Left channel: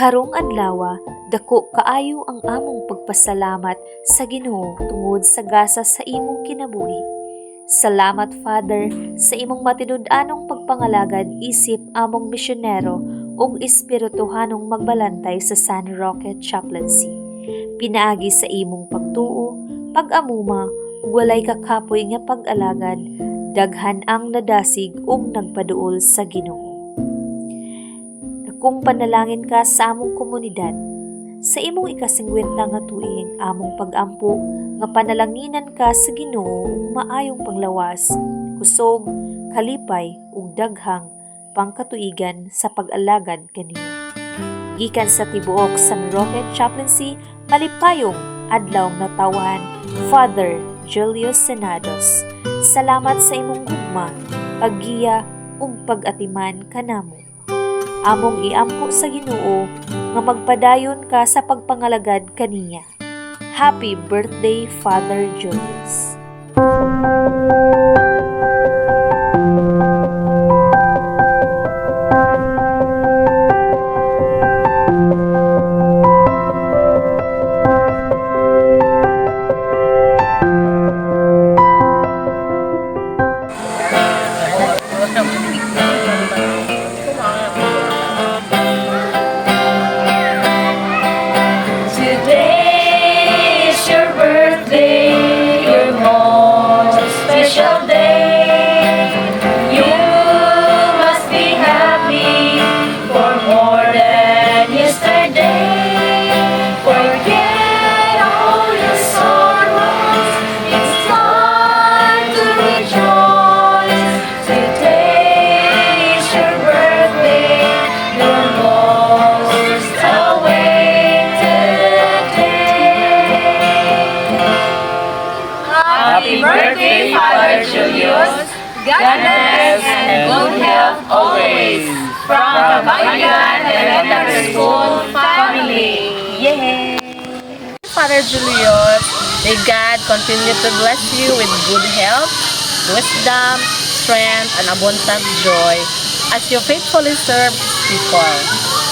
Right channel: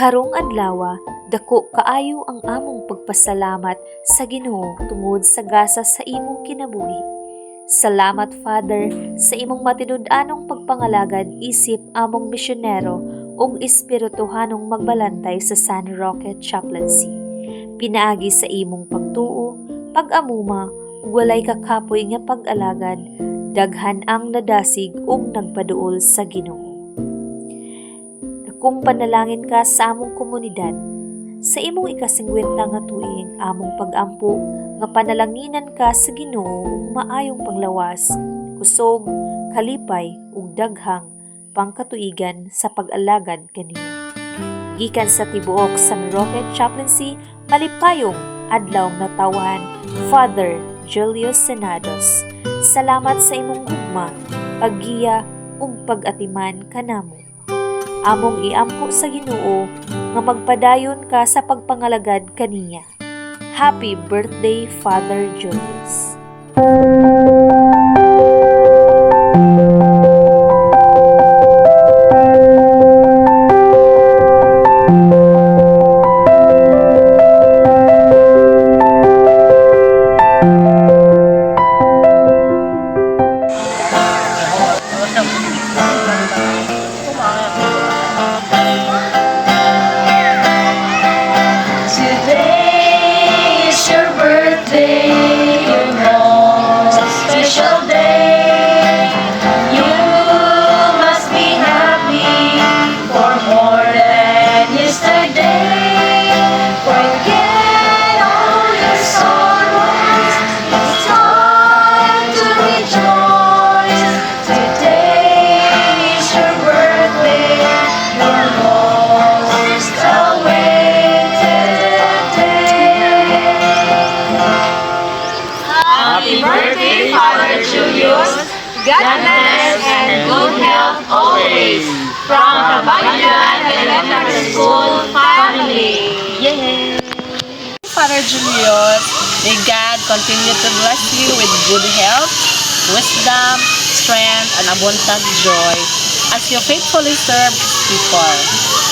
Karong adlaw, dako kaayo ang among pagpasalamat sa Ginoo tungod sa gasa sa imong kinabuhi. Salamat, Father, sa imong matinud-anong pagpangalagad isip among misyonero ug espirituhanong magbalantay sa San Roque Chaplaincy. Pinaagi sa imong pagtuo, pag-amuma ug walay kakapoy nga pag-alagad, daghan ang nadasig ug nagpaduol sa Ginoo. Kung panalangin ka sa among komunidad, sa imong ikasingwenta nga tuig among pag-ampo nga panalanginan ka sa Ginoo ug maayong panglawas, kusog, kalipay ug daghang pangkatuigan sa pag-alagad kaniya. Gikan sa tibuok San Roque Chaplaincy, malipayong adlaw nga tawan, Father Julius Senados. Salamat sa imong gugma, paggiya ug pag-atiman kanamo. Among iampo sa Ginoo nga magpadayon ka sa pagpangalagad kaniya. Happy birthday, Father Julius. Happy birthday, Father Julius. God bless and good health always. From Kabayan Elementary School family. Yay! Father Julius, may God continue to bless you with good health, wisdom, strength, and abundant joy as you faithfully serve people.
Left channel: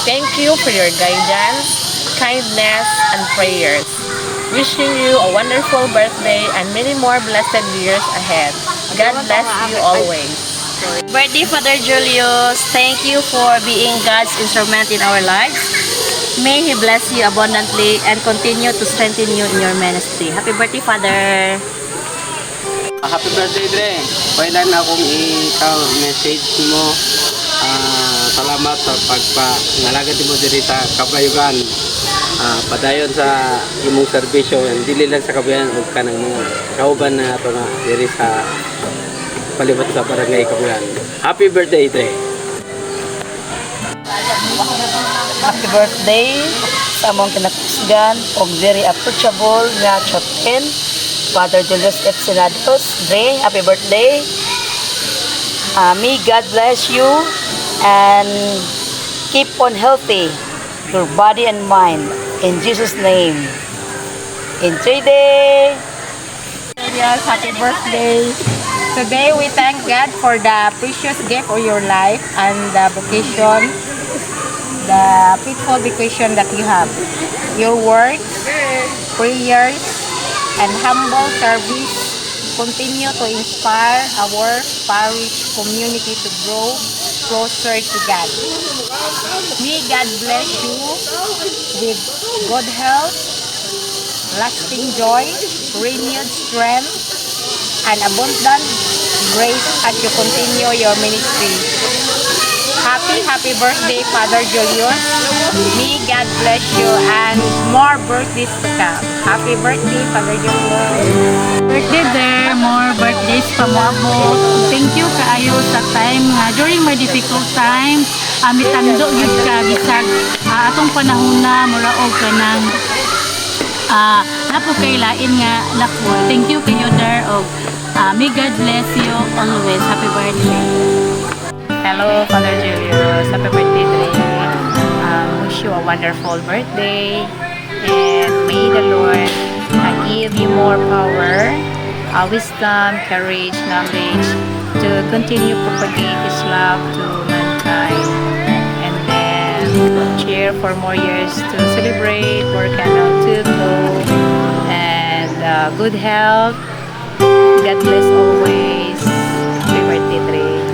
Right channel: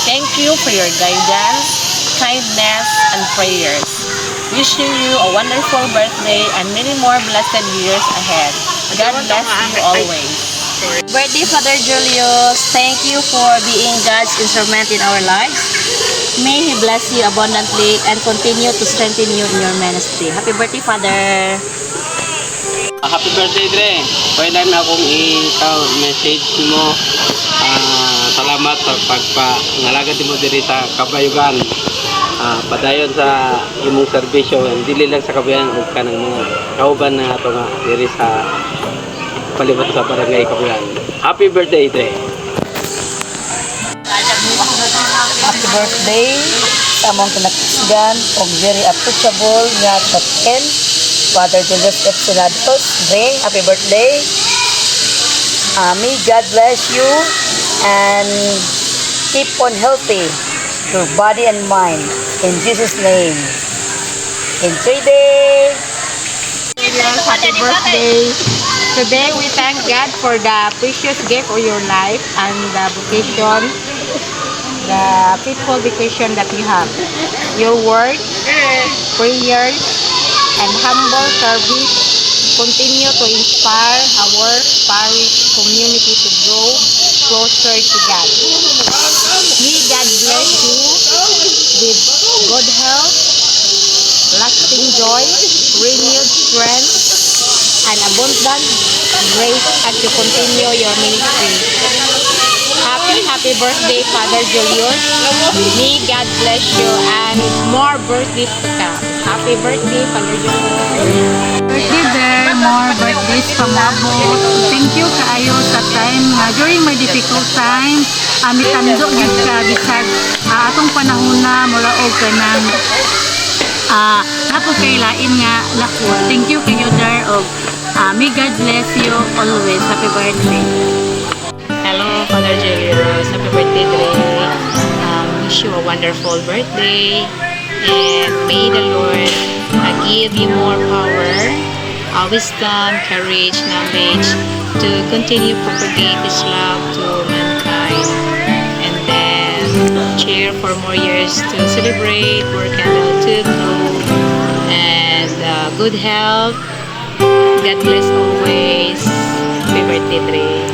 Thank you for your guidance, kindness, and prayers. Wishing you a wonderful birthday and many more blessed years ahead. God bless you always. Birthday, Father Julius. Thank you for being God's instrument in our lives. May He bless you abundantly and continue to strengthen you in your ministry. Happy birthday, Father. Happy birthday, Dre. Pwede na akong i-message mo. Salamat sa pagpangalagad mo diri sa Kabayugan. Padayon sa imong serbisyo, dili lang sa Kabayan ug kanang mga kauban na ato nga diri sa palibot sa barangay Kabayan. Happy birthday, Dre. Happy birthday sa among kinakasigan o very approachable nga Chaplain, Father Julius F. Senados. Dre, happy birthday. May God bless you and keep on healthy your body and mind. In Jesus' name. In 3 days. Yes, happy birthday. Today we thank God for the precious gift of your life and the vocation, the peaceful vocation that you have. Your work, prayers, and humble service continue to inspire our parish community to grow closer to God. May God bless you with good health, lasting joy, renewed strength, and abundant grace as you continue your ministry. Happy birthday, Father Julius. May God bless you and more birthdays to come. Happy birthday, Father Julius. Birthday there, more birthdays pamabot. Thank you kaayo sa time nga during my difficult time. Mitando yun ka bisag atong panahon na mura og kanang napo kay lain nga lako. Thank you kayo there og may God bless you always. Happy birthday. Hello, Father Julius. Happy birthday today. Wish you a wonderful birthday. And may the Lord give you more power, wisdom, courage, knowledge to continue propagate His love to mankind. And then share for more years to celebrate, more candle to blow, and good health. God bless always. Happy birthday, Dre.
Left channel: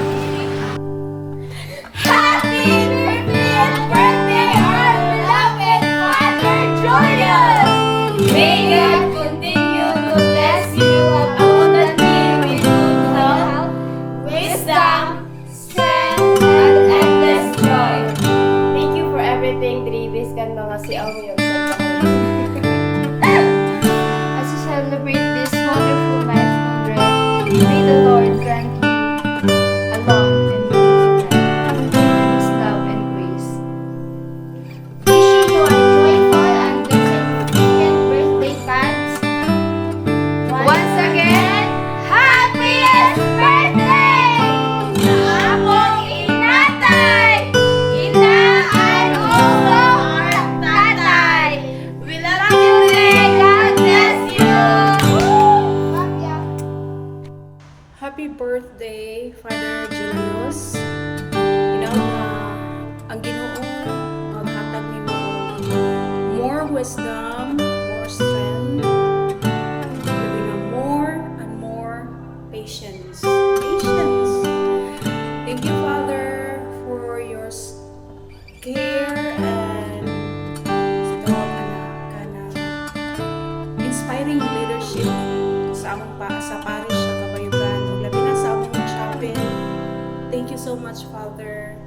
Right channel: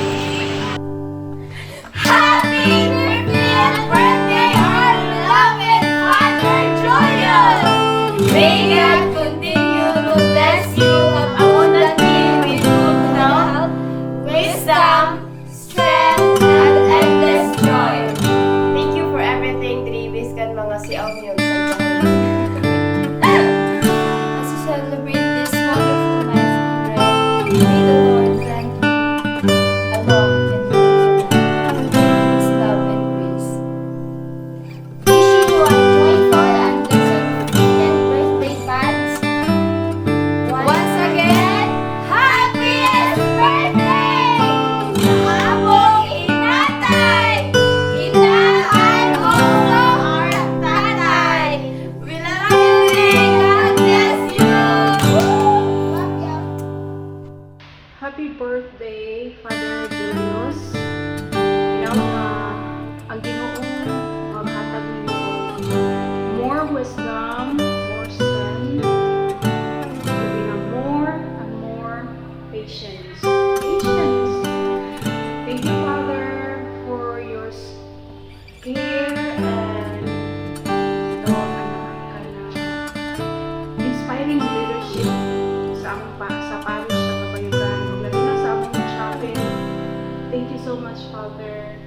As you celebrate this wonderful milestone, may the Lord grant you a long and beautiful life, His love and grace. Wishing you a joyful and blessed birthday, fans. Once again, happiest birthday! Abong inatay, inaan ulo or tatay. We love you, Ray. God bless you. Happy birthday, Father Julius. Ang Ginoong maghatag ninyo more wisdom, more strength, and more and more patience. Thank you, Father, for your care and inspiring leadership sa among sa parish sa Kabayugan ug labi na sa among chapel. Thank you so much, Father.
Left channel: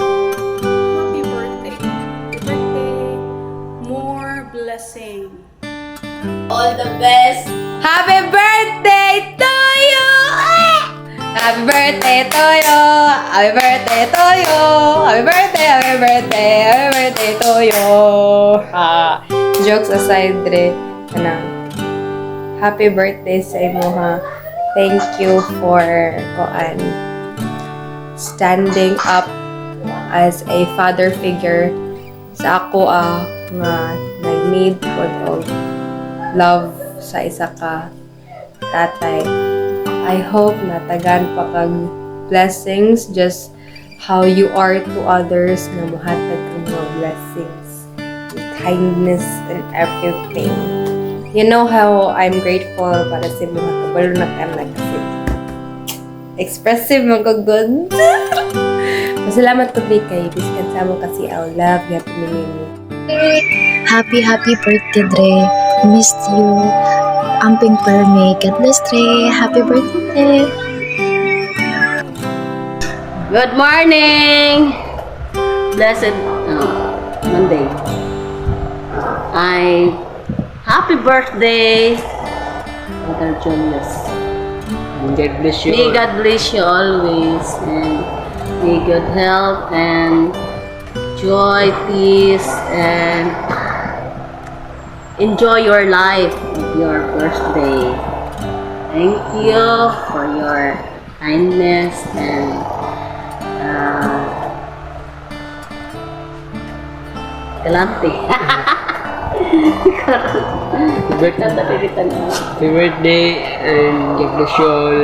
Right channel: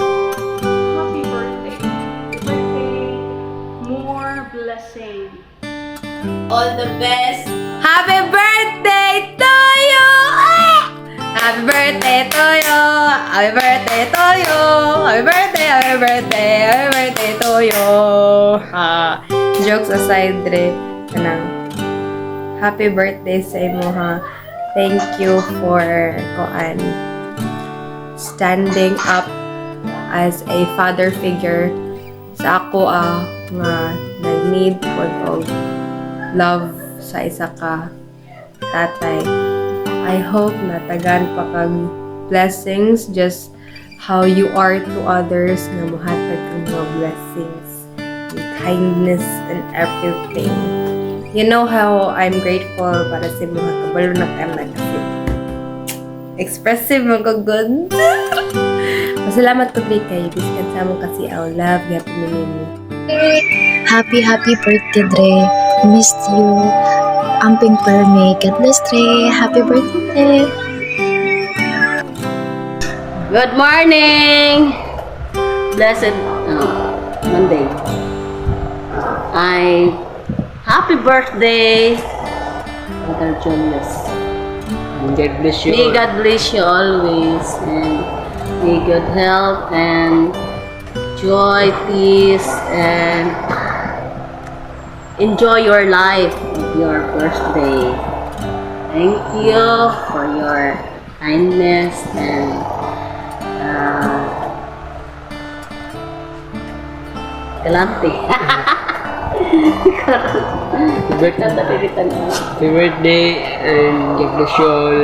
Happy birthday. Happy birthday. More blessing. All the best. Happy birthday to you! Happy birthday to you! Happy birthday to you! Happy birthday, happy birthday, happy birthday to you! Jokes aside, Dre, kanang happy birthday sa imo ha. Thank you for standing up as a father figure sa ako nga nag-need of love sa isa ka tatay. I hope natagan pa kag blessings just how you are to others nga mohatag kang mga blessings and kindness and everything. You know how I'm grateful para sa mga kabalo na ka na kasi expressive mga good. Masalamat ko kay biskan sa mo kasi I love you happy minimi. Happy birthday, Dre. Missed you. Amping perme. God bless, Dre. Happy birthday. Good morning! Blessed Monday. Happy birthday, Father Julius. God bless you. May God bless you always, and may good health and joy, peace, and enjoy your life with your birthday. Thank you for your kindness and galante. Happy birthday and God bless you all.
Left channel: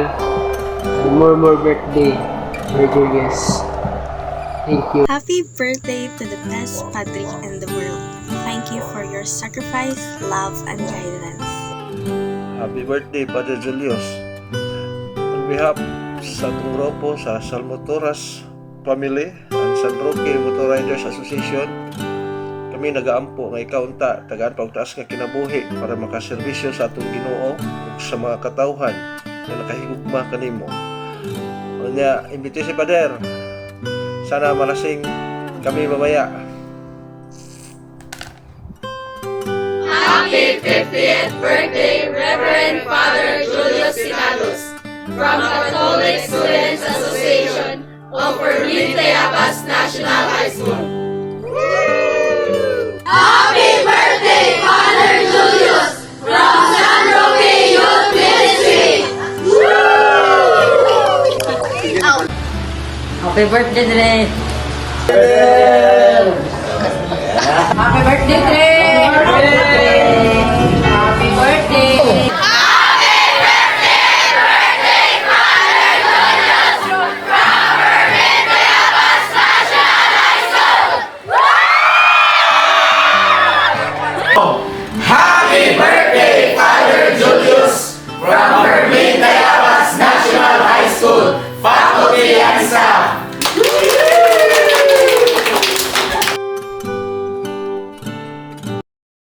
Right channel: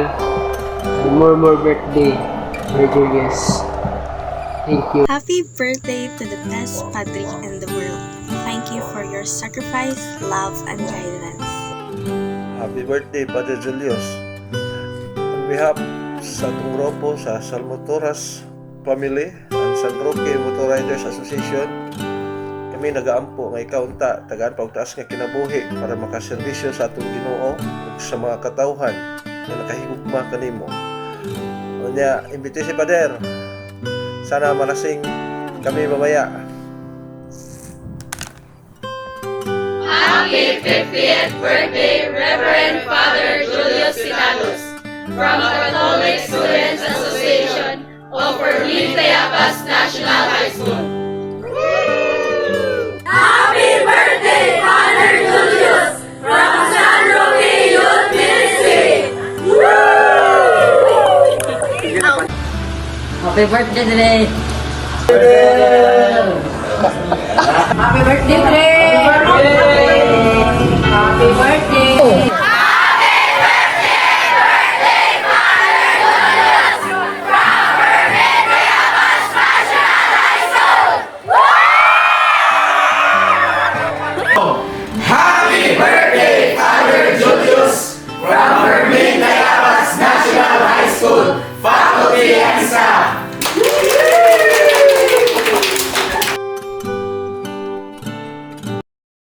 More birthday, Julius. Thank you. Happy birthday to the best padre in the world. Thank you for your sacrifice, love, and guidance. Happy birthday, Padre Julius. On behalf sa atong grupo sa Salmotoras Family and San Roque Motorriders Association, kami nagaampo nga ikaw unta tagaan pagtaas nga kinabuhi para makaserbisyo sa atong Ginoo ug sa mga katawhan nga nakahigugma kanimo. Unya, imbite si Pader. Sana malasing kami mamaya. Happy 50th birthday, Reverend Father Julius Sinalos, from Catholic Students Association of Berlin Tayabas National High School. Happy birthday, Father Julius, from San Roque Youth Ministry. Happy birthday, Dre! Happy birthday, Dre!